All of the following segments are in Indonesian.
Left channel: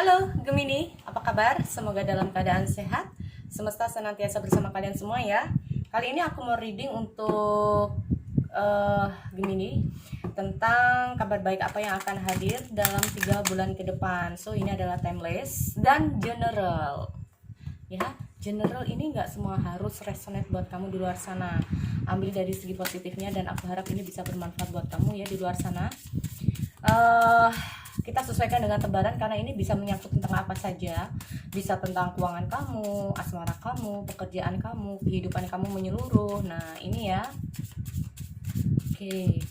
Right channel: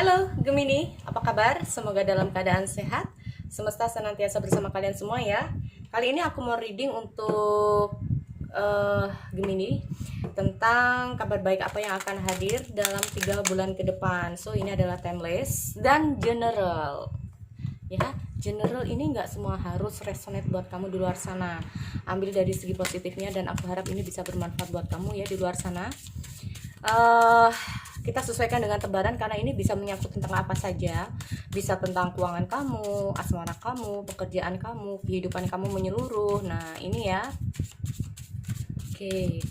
Halo Gemini, apa kabar? Semoga dalam keadaan sehat. Semesta senantiasa bersama kalian semua ya. Kali ini aku mau reading untuk Gemini tentang kabar baik apa yang akan hadir dalam 3 bulan ke depan. So ini adalah timeless dan general. Ya, general ini nggak semua harus resonate buat kamu di luar sana. Ambil dari segi positifnya dan aku harap ini bisa bermanfaat buat kamu ya di luar sana. Kita sesuaikan dengan tebaran karena ini bisa menyangkut tentang apa saja. Bisa tentang keuangan kamu, asmara kamu, pekerjaan kamu, kehidupan kamu menyeluruh. Nah ini ya. Oke.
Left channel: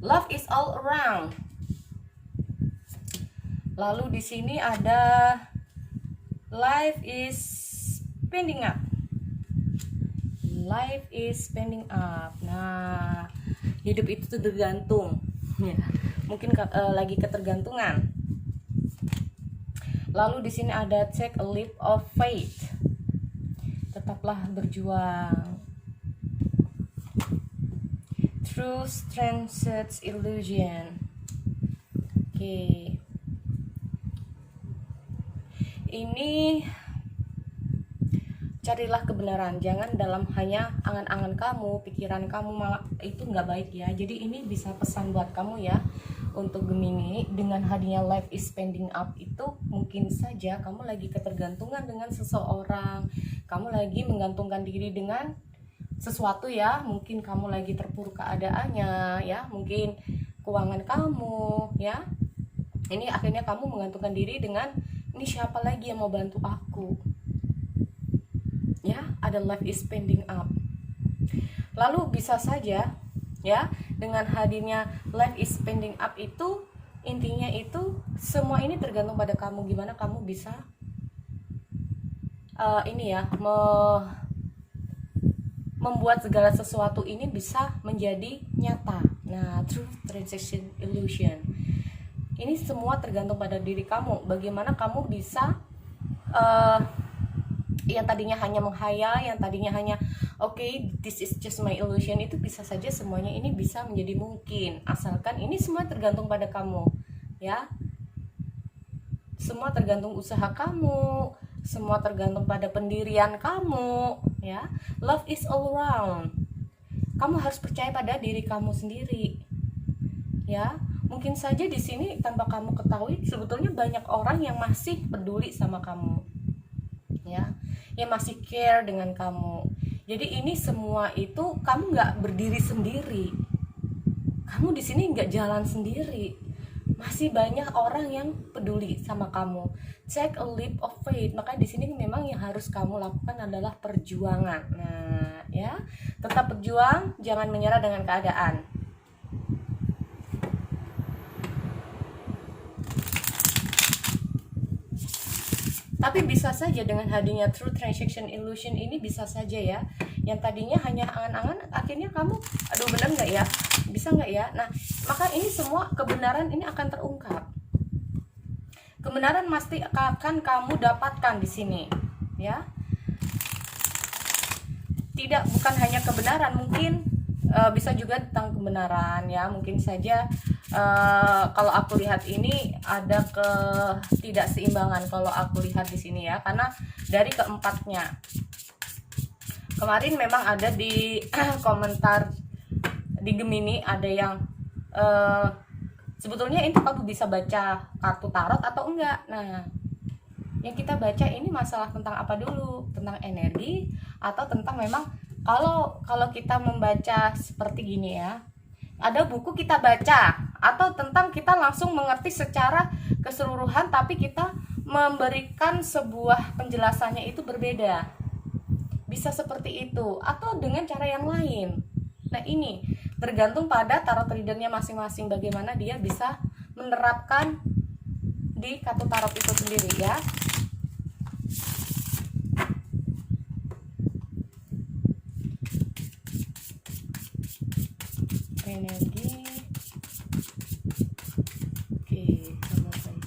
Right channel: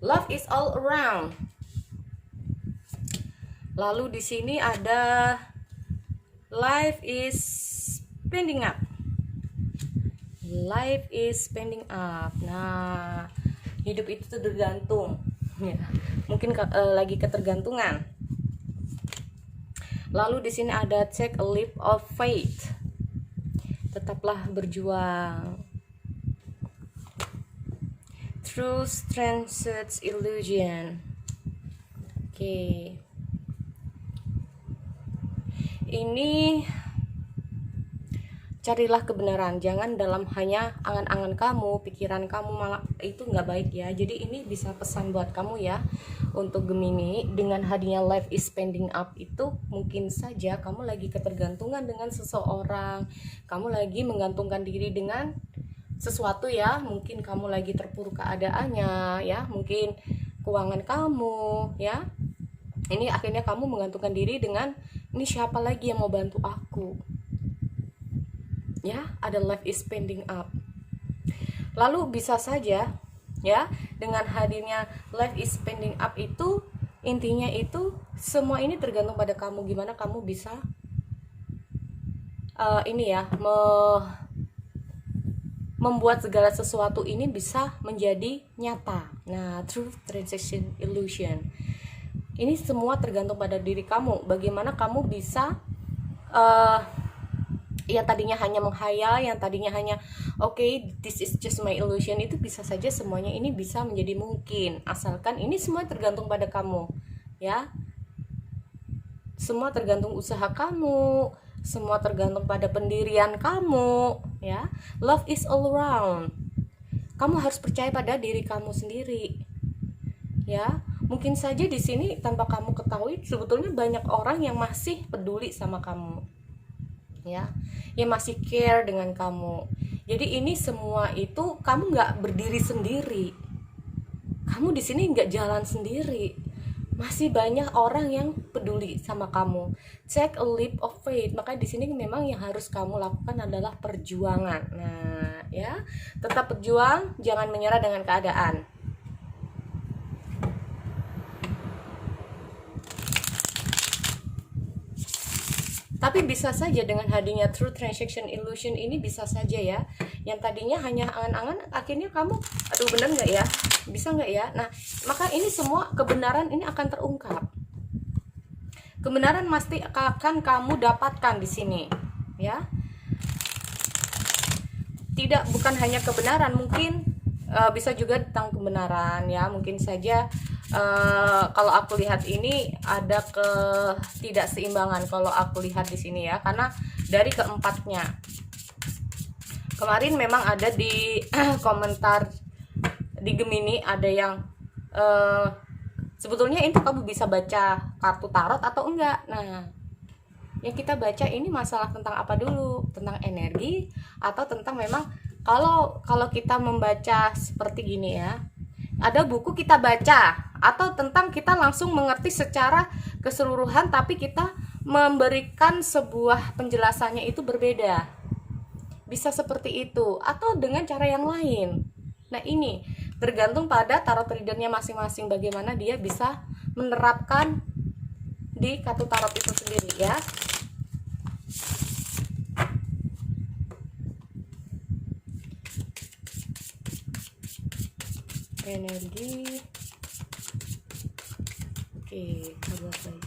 Love is all around. Lalu di sini ada life is spending up. Life is spending up. Nah, hidup itu tergantung. Ya, mungkin lagi ketergantungan. Lalu di sini ada take a leap of faith. Tetaplah berjuang. Truth transcends illusion. Oke. Ini carilah kebenaran, jangan dalam hanya angan-angan kamu, pikiran kamu, malah itu nggak baik ya. Jadi ini bisa pesan buat kamu ya untuk Gemini. Dengan hadirnya life is spending up itu mungkin saja kamu lagi ketergantungan dengan seseorang, kamu lagi menggantungkan diri dengan sesuatu ya, mungkin kamu lagi terpuruk keadaannya ya, mungkin keuangan kamu ya. Ini akhirnya kamu menggantungkan diri dengan ini siapa lagi yang mau bantu aku ya, ada life is spending up. Lalu bisa saja ya, dengan hadirnya life is spending up itu intinya itu semua ini tergantung pada kamu, gimana kamu bisa ini ya membuat segala sesuatu ini bisa menjadi nyata. Nah, truth transaction illusion. Ini semua tergantung pada diri kamu. Bagaimana kamu bisa yang tadinya hanya menghayal, yang tadinya hanya okay, this is just my illusion, itu bisa saja semuanya ini bisa menjadi mungkin. Asalkan ini semua tergantung pada kamu, ya. Semua tergantung usaha kamu, semua tergantung pada pendirian kamu ya. Love is all around. Kamu harus percaya pada diri kamu sendiri ya. Mungkin saja di sini tanpa kamu ketahui sebetulnya banyak orang yang masih peduli sama kamu ya, yang masih care dengan kamu. Jadi ini semua itu kamu nggak berdiri sendiri, kamu di sini nggak jalan sendiri. Masih banyak orang yang peduli sama kamu. Take a leap of faith. Maka di sini memang yang harus kamu lakukan adalah perjuangan. Nah, ya, tetap berjuang, jangan menyerah dengan keadaan. Tapi bisa saja dengan hadirnya true transaction illusion ini bisa saja ya, yang tadinya hanya angan-angan akhirnya kamu, aduh bener nggak ya, bisa nggak ya. Nah maka ini semua kebenaran ini akan terungkap. Kebenaran pasti akan kamu dapatkan di sini ya. Tidak, bukan hanya kebenaran, mungkin bisa juga tentang kebenaran ya. Mungkin saja kalau aku lihat ini ada ketidakseimbangan kalau aku lihat di sini ya, karena dari keempatnya kemarin memang ada di komentar di Gemini ada yang sebetulnya itu kamu bisa baca kartu tarot atau enggak. Nah yang kita baca ini masalah tentang apa dulu, tentang energi atau tentang memang kalau kita membaca seperti gini ya, ada buku kita baca, atau tentang kita langsung mengerti secara keseluruhan tapi kita memberikan sebuah penjelasannya itu berbeda. Bisa seperti itu atau dengan cara yang lain. Nah ini tergantung pada tarot readernya masing-masing, bagaimana dia bisa menerapkan di kartu tarot itu sendiri ya. energi. Oke, selesai.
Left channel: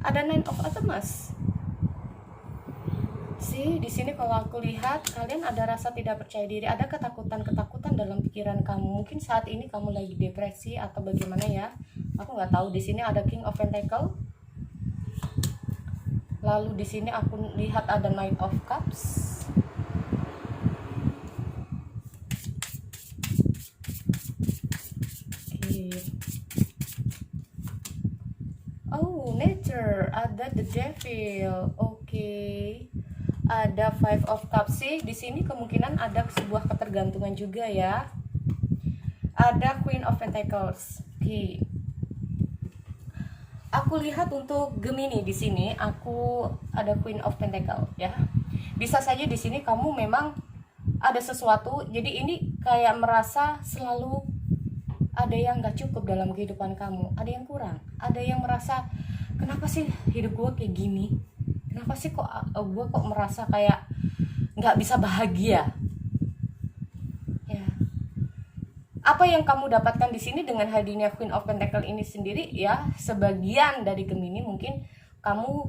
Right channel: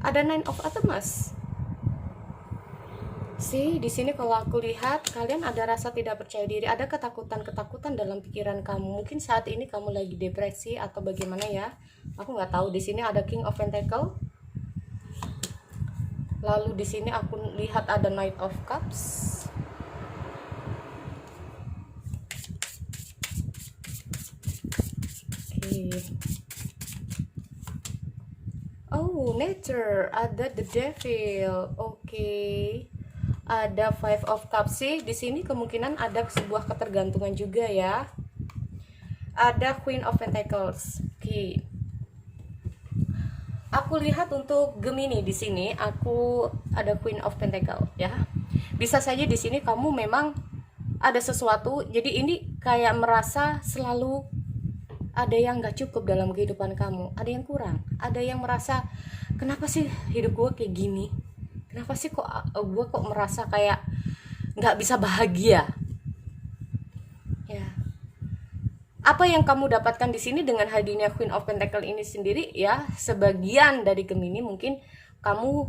Ada Nine of Pentacles. Sih, di sini kalau aku lihat kalian ada rasa tidak percaya diri, ada ketakutan-ketakutan dalam pikiran kamu. Mungkin saat ini kamu lagi depresi atau bagaimana ya. Aku nggak tahu. Di sini ada King of Pentacles. Lalu di sini aku lihat ada Knight of Cups. Oh, nature, ada the devil. Oke. Ada Five of Cups sih. Di sini kemungkinan ada sebuah ketergantungan juga ya. Ada Queen of Pentacles. Oke. Aku lihat untuk Gemini di sini, aku ada Queen of Pentacles ya. Bisa saja di sini kamu memang ada sesuatu. Jadi ini kayak merasa selalu ada yang gak cukup dalam kehidupan kamu, ada yang kurang, ada yang merasa kenapa sih hidup gue kayak gini, kenapa sih kok gue kok merasa kayak gak bisa bahagia ya. Apa yang kamu dapatkan di sini dengan hadirnya Queen of Pentacles ini sendiri ya, sebagian dari Gemini mungkin kamu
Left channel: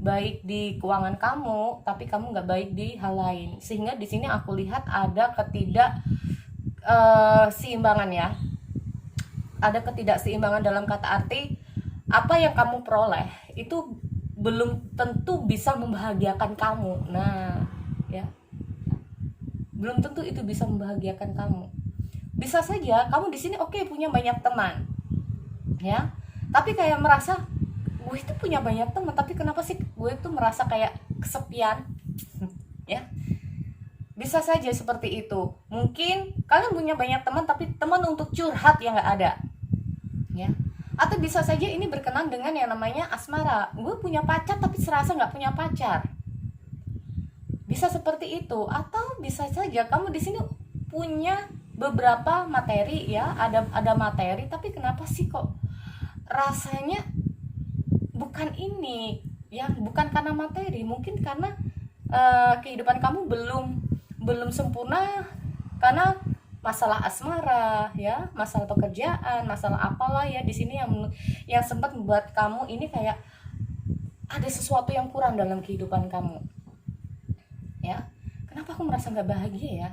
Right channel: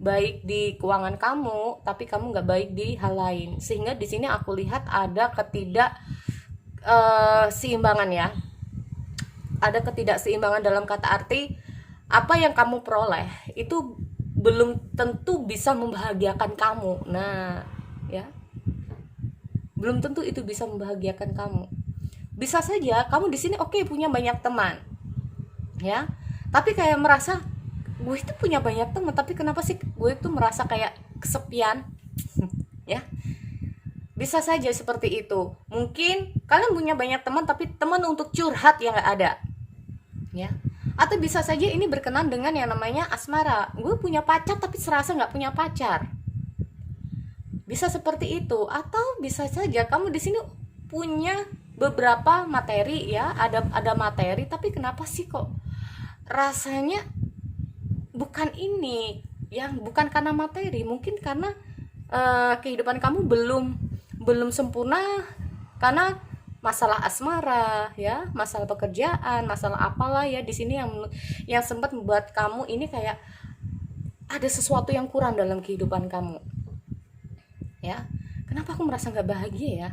baik di keuangan kamu tapi kamu gak baik di hal lain, sehingga di sini aku lihat ada ketidakseimbangan ya. Ada ketidakseimbangan dalam kata arti apa yang kamu peroleh itu belum tentu bisa membahagiakan kamu. Nah, ya. Belum tentu itu bisa membahagiakan kamu. Bisa saja kamu di sini oke, punya banyak teman. Ya. Tapi kayak merasa gue itu punya banyak teman, tapi kenapa sih gue itu merasa kayak kesepian? Ya. Bisa saja seperti itu. Mungkin kalian punya banyak teman tapi teman untuk curhat yang gak ada ya. Atau bisa saja ini berkenan dengan yang namanya asmara. Gue punya pacar tapi serasa gak punya pacar. Bisa seperti itu. Atau bisa saja kamu di sini punya beberapa materi ya. Ada materi tapi kenapa sih kok rasanya bukan ini ya, bukan karena materi, mungkin karena kehidupan kamu belum sempurna karena masalah asmara ya, masalah pekerjaan, masalah apalah ya di sini yang sempat membuat kamu ini kayak ada sesuatu yang kurang dalam kehidupan kamu ya. Kenapa aku merasa nggak bahagia ya,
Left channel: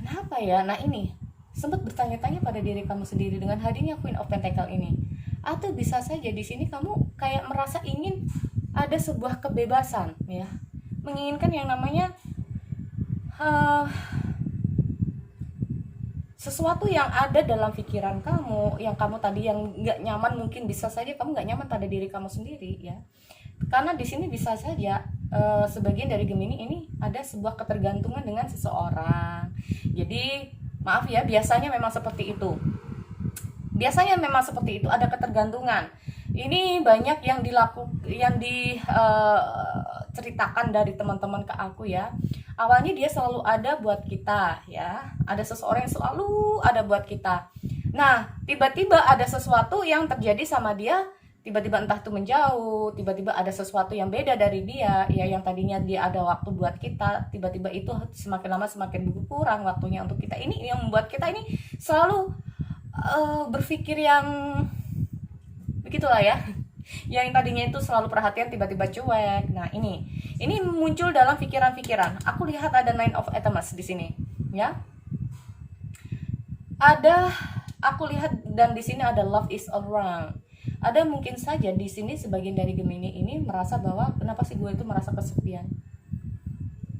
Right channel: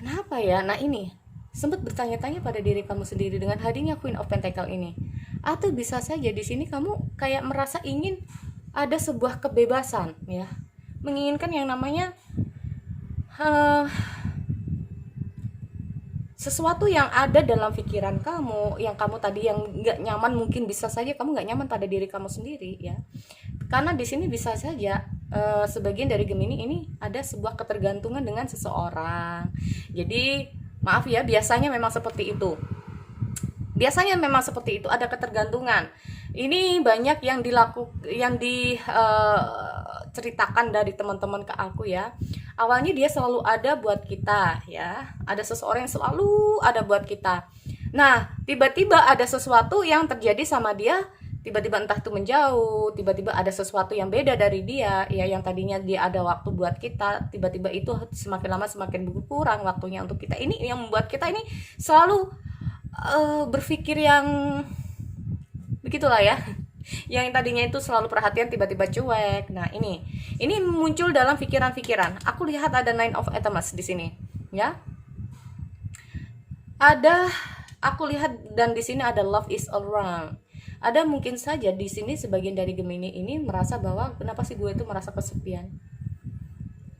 kenapa ya? Nah ini sempat bertanya-tanya pada diri kamu sendiri dengan hadirnya Queen of Pentacles ini. Atau bisa saja di sini kamu kayak merasa ingin ada sebuah kebebasan ya, menginginkan yang namanya sesuatu yang ada dalam pikiran kamu, yang kamu tadi yang nggak nyaman, mungkin bisa saja kamu nggak nyaman pada diri kamu sendiri ya. Karena di sini bisa saja sebagian dari Gemini ini ada sebuah ketergantungan dengan seseorang. Jadi maaf ya, biasanya memang seperti itu. Biasanya memang seperti itu, ada ketergantungan. Ini banyak yang diceritakan dari teman-teman ke aku ya. Awalnya dia selalu ada buat kita ya. Ada seseorang yang selalu ada buat kita. Nah, tiba-tiba ada sesuatu yang terjadi sama dia, tiba-tiba entah itu menjauh, tiba-tiba ada sesuatu yang beda dari dia ya, yang tadinya dia ada waktu buat kita, tiba-tiba itu semakin lama semakin berkurang waktunya untuk kita. Ini yang membuat kita ini selalu berpikir yang begitulah ya, yang tadinya itu selalu perhatian tiba-tiba cuek. Nah ini muncul dalam pikiran-pikiran. Aku lihat ada Nine of Pentacles di sini ya, aku lihat, dan di sini ada Love is Around. Ada mungkin saja di sini sebagian dari Gemini ini merasa bahwa kenapa sih gue itu merasa kesepian,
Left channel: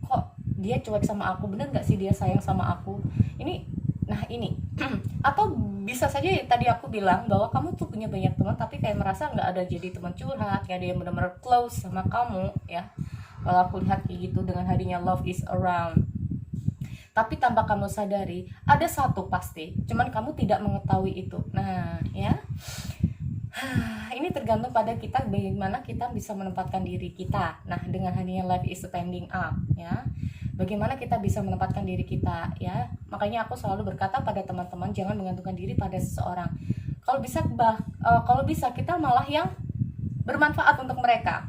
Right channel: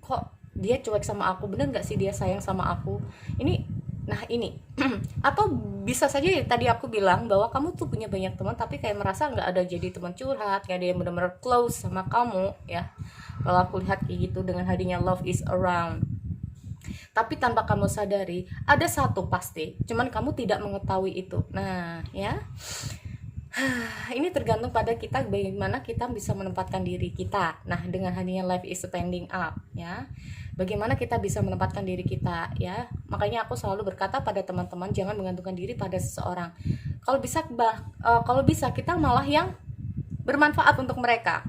kok dia cuek sama aku, bener nggak sih dia sayang sama aku ini. Nah ini atau bisa saja ya, tadi aku bilang bahwa kamu tuh punya banyak teman tapi kayak merasa nggak ada jadi teman curhat, nggak ada yang benar-benar close sama kamu ya. Kalau aku lihat kayak gitu dengan hadirnya Love is Around, tapi tanpa kamu sadari ada satu pasti, cuman kamu tidak mengetahui itu. Nah ya, ini tergantung pada kita bagaimana kita bisa menempatkan diri kita. Nah dengan hadirnya Life is Standing Up ya, bagaimana kita bisa menempatkan diri kita ya. Makanya aku selalu berkata pada teman-teman, jangan menggantungkan diri pada seseorang. Kalau bisa kita malah yang bermanfaat untuk mereka,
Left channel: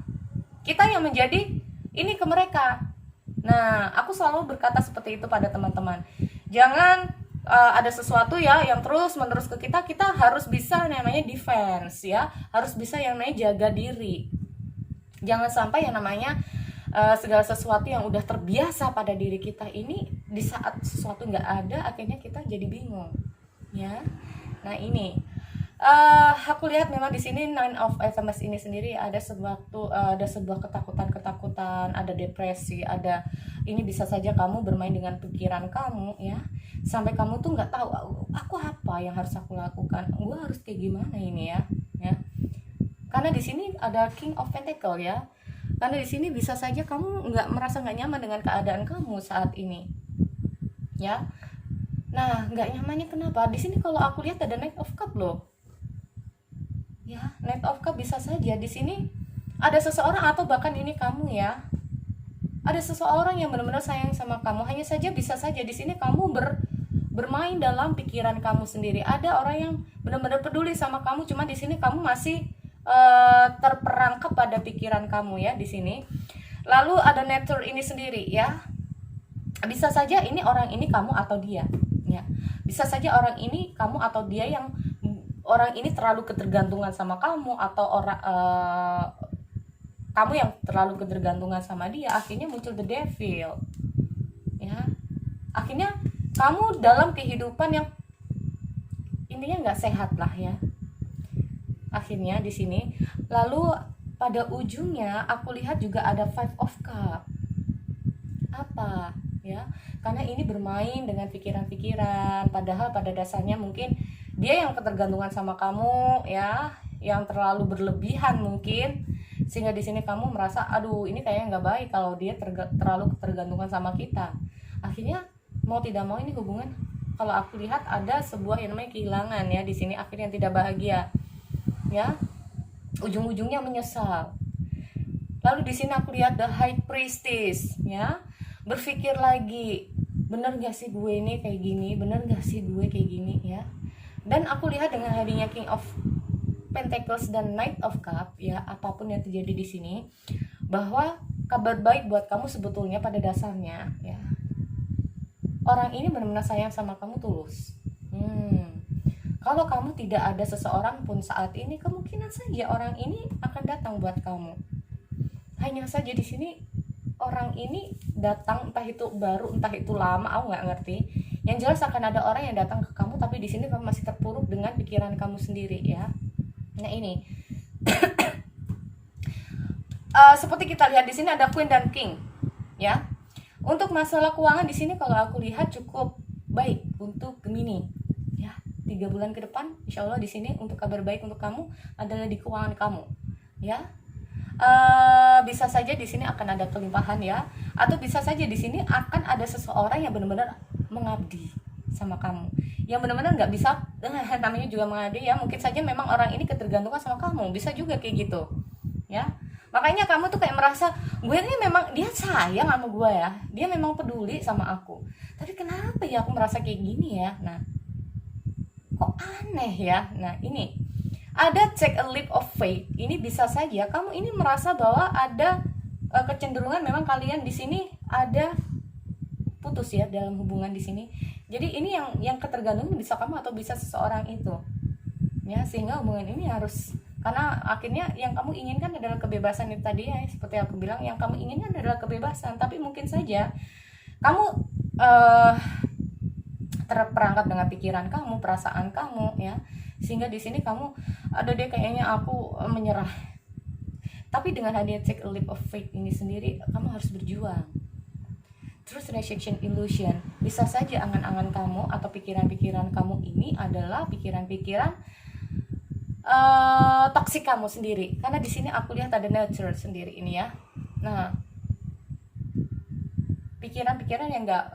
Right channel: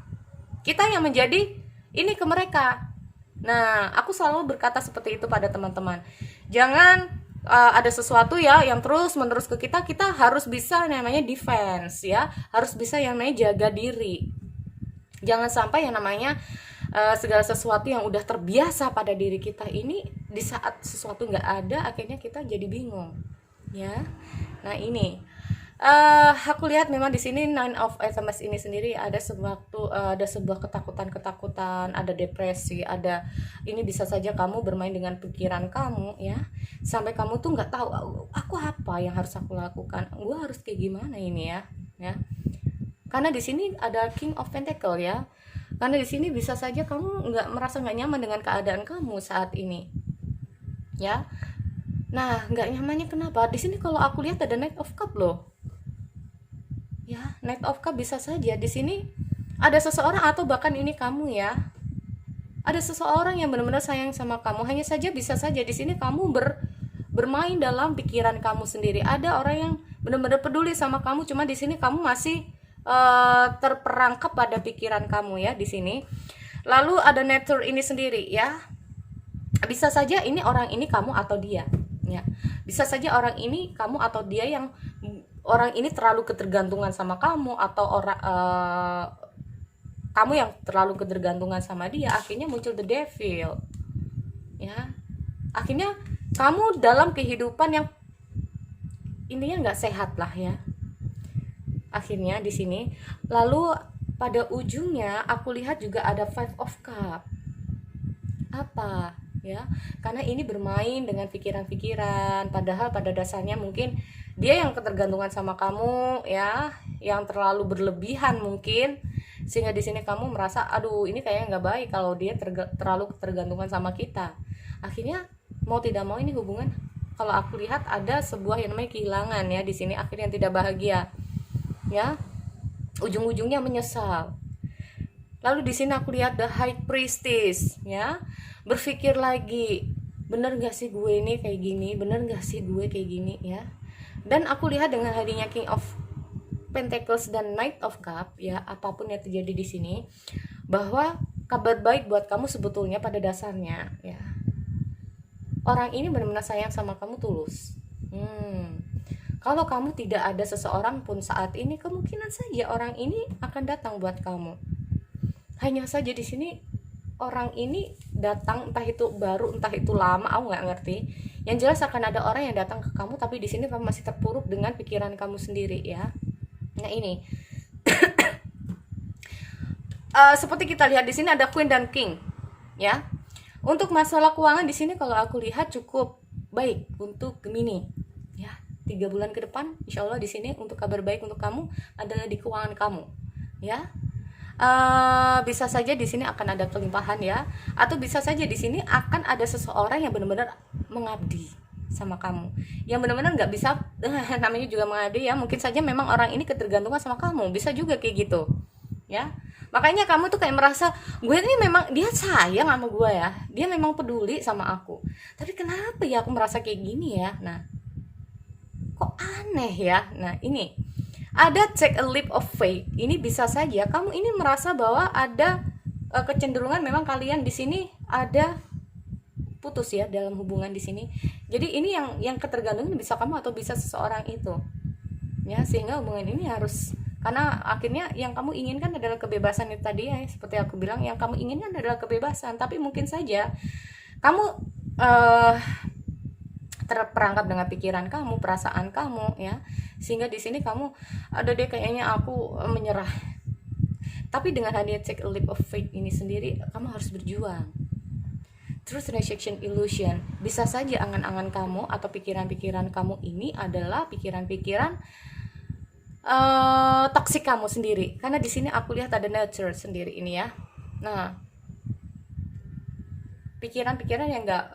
kita yang menjadi ini ke mereka. Nah, aku selalu berkata seperti itu pada teman-teman. Jangan ada sesuatu ya yang terus menerus ke kita, kita harus bisa yang namanya defense ya, harus bisa yang namanya jaga diri. Jangan sampai yang namanya segala sesuatu yang udah terbiasa pada diri kita ini, di saat sesuatu nggak ada, akhirnya kita jadi bingung ya. Nah ini aku lihat memang di sini Nine of Pentacles ini sendiri ada sebuah ketakutan, ada depresi, ada ini bisa saja kamu bermain dengan pikiran kamu ya, sampai kamu tuh nggak tahu aku apa yang harus aku lakukan, gue harus kayak gimana ini ya. Karena di sini ada King of Pentacles ya, karena di sini bisa saja kamu merasa nggak nyaman dengan keadaan kamu saat ini ya. Nah, nggak nyamannya kenapa? Di sini kalau aku lihat ada Knight of Cup loh. Ya, Knight of Cup bisa saja di sini ada seseorang atau bahkan ini kamu ya. Ada seseorang yang benar-benar sayang sama kamu. Hanya saja bisa saja di sini kamu bermain dalam pikiran kamu sendiri. Ada orang yang benar-benar peduli sama kamu, cuma di sini kamu masih terperangkap pada pikiran kamu ya di sini. Lalu ada nature ini sendiri ya. Bisa saja ini orang ini kamu atau dia. Ya, bisa saja orang ini kamu atau dia, yang orang ini terlalu ketergantungan sama kamu, atau kamu yang terlalu ketergantungan sama dia, akhirnya muncul the devil ya. Akhirnya kamu dalam kehidupan yang intinya nggak sehat lah ya akhirnya di sini. Lalu pada ujungnya aku lihat juga ada Five of Cup. Apa ya, karena ini bermain dengan pikiran-pikiran, padahal pada dasarnya mungkin dia yang ketergantungan sama kamu ya, yang terlalu berlebihan mungkin, sehingga di sini kamu merasa aduh ini kayaknya nggak baik kalau dia terlalu ketergantungan sama kita. Akhirnya mau tidak mau ini hubungan, kalau aku lihat ada sebuah yang namanya kehilangan ya di sini, akhirnya tidak bahagia ya, ujung-ujungnya menyesal. Lalu di sini aku lihat the High Priestess ya, berpikir lagi, bener gak sih gue ini kayak gini, bener gak sih gue kayak gini ya. Dan aku lihat dengan hadirnya King of Pentacles dan Knight of Cup ya, apapun yang terjadi di sini, bahwa kabar baik buat kamu sebetulnya pada dasarnya ya, orang ini benar-benar sayang sama kamu tulus. Kalau kamu tidak ada seseorang pun saat ini, kemungkinan saja orang ini akan datang buat kamu. Hanya saja di sini orang ini datang, entah itu baru entah itu lama, aku nggak ngerti. Yang jelas akan ada orang yang datang ke kamu, tapi di sini kamu masih terpuruk dengan pikiran kamu sendiri ya. Nah ini seperti kita lihat di sini ada Queen dan King ya. Untuk masalah keuangan di sini kalau aku lihat cukup baik untuk Gemini ya. 3 bulan ke depan insya Allah di sini untuk kabar baik untuk kamu adalah di keuangan kamu ya. Bisa saja di sini akan ada kelimpahan ya, atau bisa saja di sini akan ada seseorang yang benar-benar mengabdi sama kamu, yang benar-benar nggak bisa namanya juga mengabdi ya. Mungkin saja memang orang ini ketergantungan sama kamu, bisa juga kayak gitu ya. Makanya kamu tuh kayak merasa gue ini memang dia sayang sama gue ya, dia memang peduli sama aku, tapi kenapa ya aku merasa kayak gini ya. Nah kok aneh ya. Nah ini ada take a leap of faith. Ini bisa saja kamu ini merasa bahwa ada kecenderungan memang kalian di sini ada putus ya dalam hubungan di sini. Jadi ini yang ketergantungan bisa kamu atau bisa seseorang itu ya, sehingga hubungan ini harus, karena akhirnya yang kamu inginkan adalah kebebasan itu tadi ya, seperti aku bilang, yang kamu inginkan adalah kebebasan, tapi mungkin saja kamu terperangkap dengan pikiran kamu, perasaan kamu ya, sehingga di sini kamu ada deh kayaknya aku menyerah. Tapi dengan hadirnya take a leap of faith ini sendiri, kamu harus berjuang. Truth rejection illusion, bisa saja angan-angan kamu atau pikiran-pikiran kamu ini adalah pikiran-pikiran toksik kamu sendiri, karena di sini aku lihat ada nature sendiri ini ya. Nah pikiran-pikiran yang enggak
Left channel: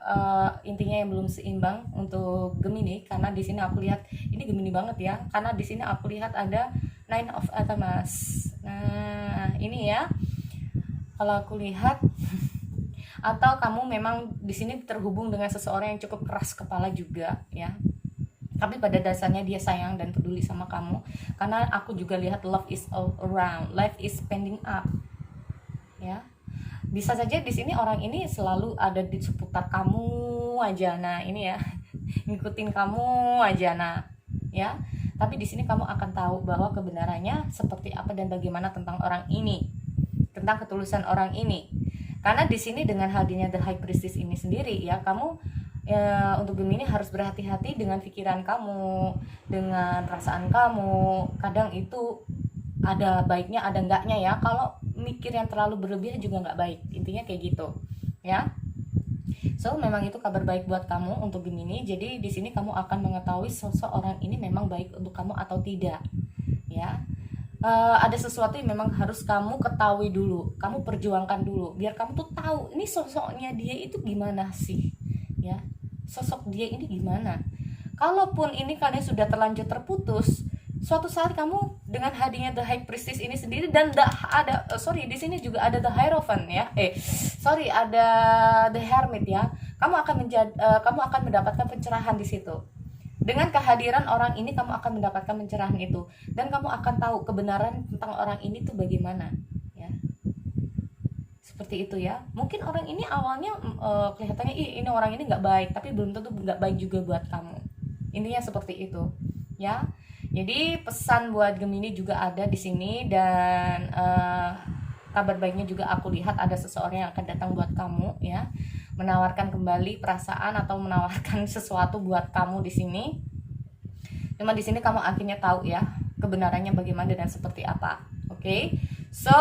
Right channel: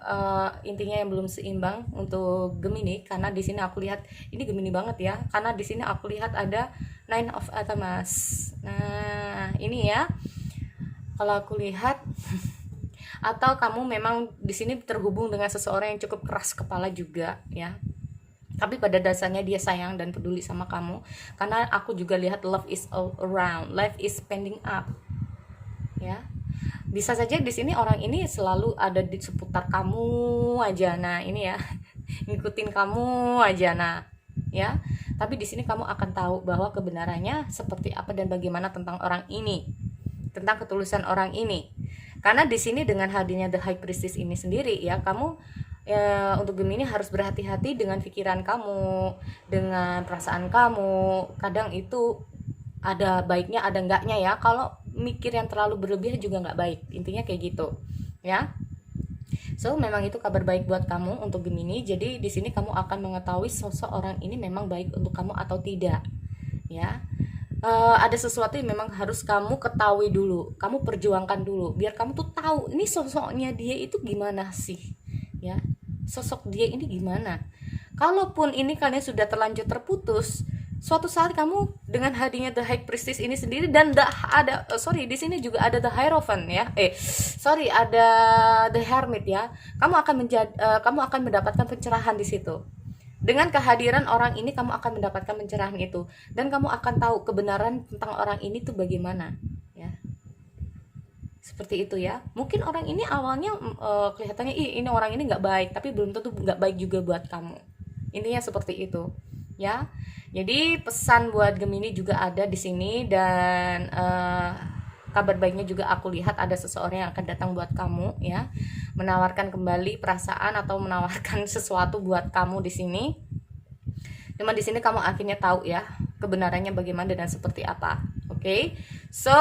intinya yang belum seimbang untuk Gemini, karena di sini aku lihat ini Gemini banget ya, karena di sini aku lihat ada Nine of Pentacles. Nah ini ya, kalau aku lihat atau kamu memang di sini terhubung dengan seseorang yang cukup keras kepala juga ya, tapi pada dasarnya dia sayang dan peduli sama kamu. Karena aku juga lihat love is all around, life is pending up ya. Bisa saja di sini orang ini selalu ada di seputar kamu aja, nah ini ya, ngikutin kamu aja, nah ya. Tapi di sini kamu akan tahu bahwa kebenarannya seperti apa dan bagaimana tentang orang ini, tentang ketulusan orang ini. Karena di sini dengan hadirnya The High Priestess ini sendiri ya, kamu untuk Gemini harus berhati-hati dengan pikiran kamu, dengan perasaan kamu. Kadang itu ada baiknya ada enggaknya ya. Kalau mikir yang terlalu berlebihan juga nggak baik, intinya kayak gitu ya. So memang itu kabar baik buat kamu untuk Gemini. Jadi di sini kamu akan mengetahui sosok orang ini memang baik untuk kamu atau tidak ya. Ada sesuatu yang memang harus kamu ketahui dulu, kamu perjuangkan dulu, biar kamu tuh tahu ini sosoknya dia itu gimana sih ya, sosok dia ini gimana. Kalaupun ini kalian sudah terlanjur terputus, suatu saat kamu dengan hadirnya The High Priestess ini sendiri dan di sini juga ada The Hierophant ya, ada The Hermit ya, kamu akan mendapatkan pencerahan di situ. Dengan kehadiran orang ini kamu akan mendapatkan pencerahan itu, dan kamu akan tahu kebenaran tentang orang ini tuh bagaimana ya. Seperti itu ya. Mungkin orang ini awalnya kelihatannya ini orang ini nggak baik, tapi belum tentu nggak baik juga buat kamu. Intinya seperti itu ya. Jadi pesan buat Gemini juga ada di sini, dan kabar baiknya juga aku lihat ada seseorang yang akan datang buat kamu ya, menawarkan kembali perasaan atau menawarkan sesuatu buat kamu di sini. Cuma di sini kamu akhirnya tahu ya kebenarannya bagaimana dan seperti apa. Oke. So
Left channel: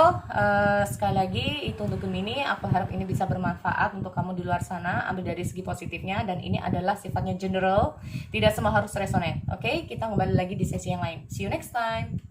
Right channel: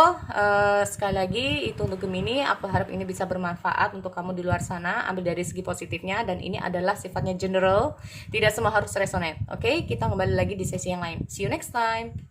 sekali lagi itu untuk Gemini, aku harap ini bisa bermanfaat untuk kamu di luar sana. Ambil dari segi positifnya, dan ini adalah sifatnya general, tidak semua harus resonate. Oke, kita kembali lagi di sesi yang lain. See you next time.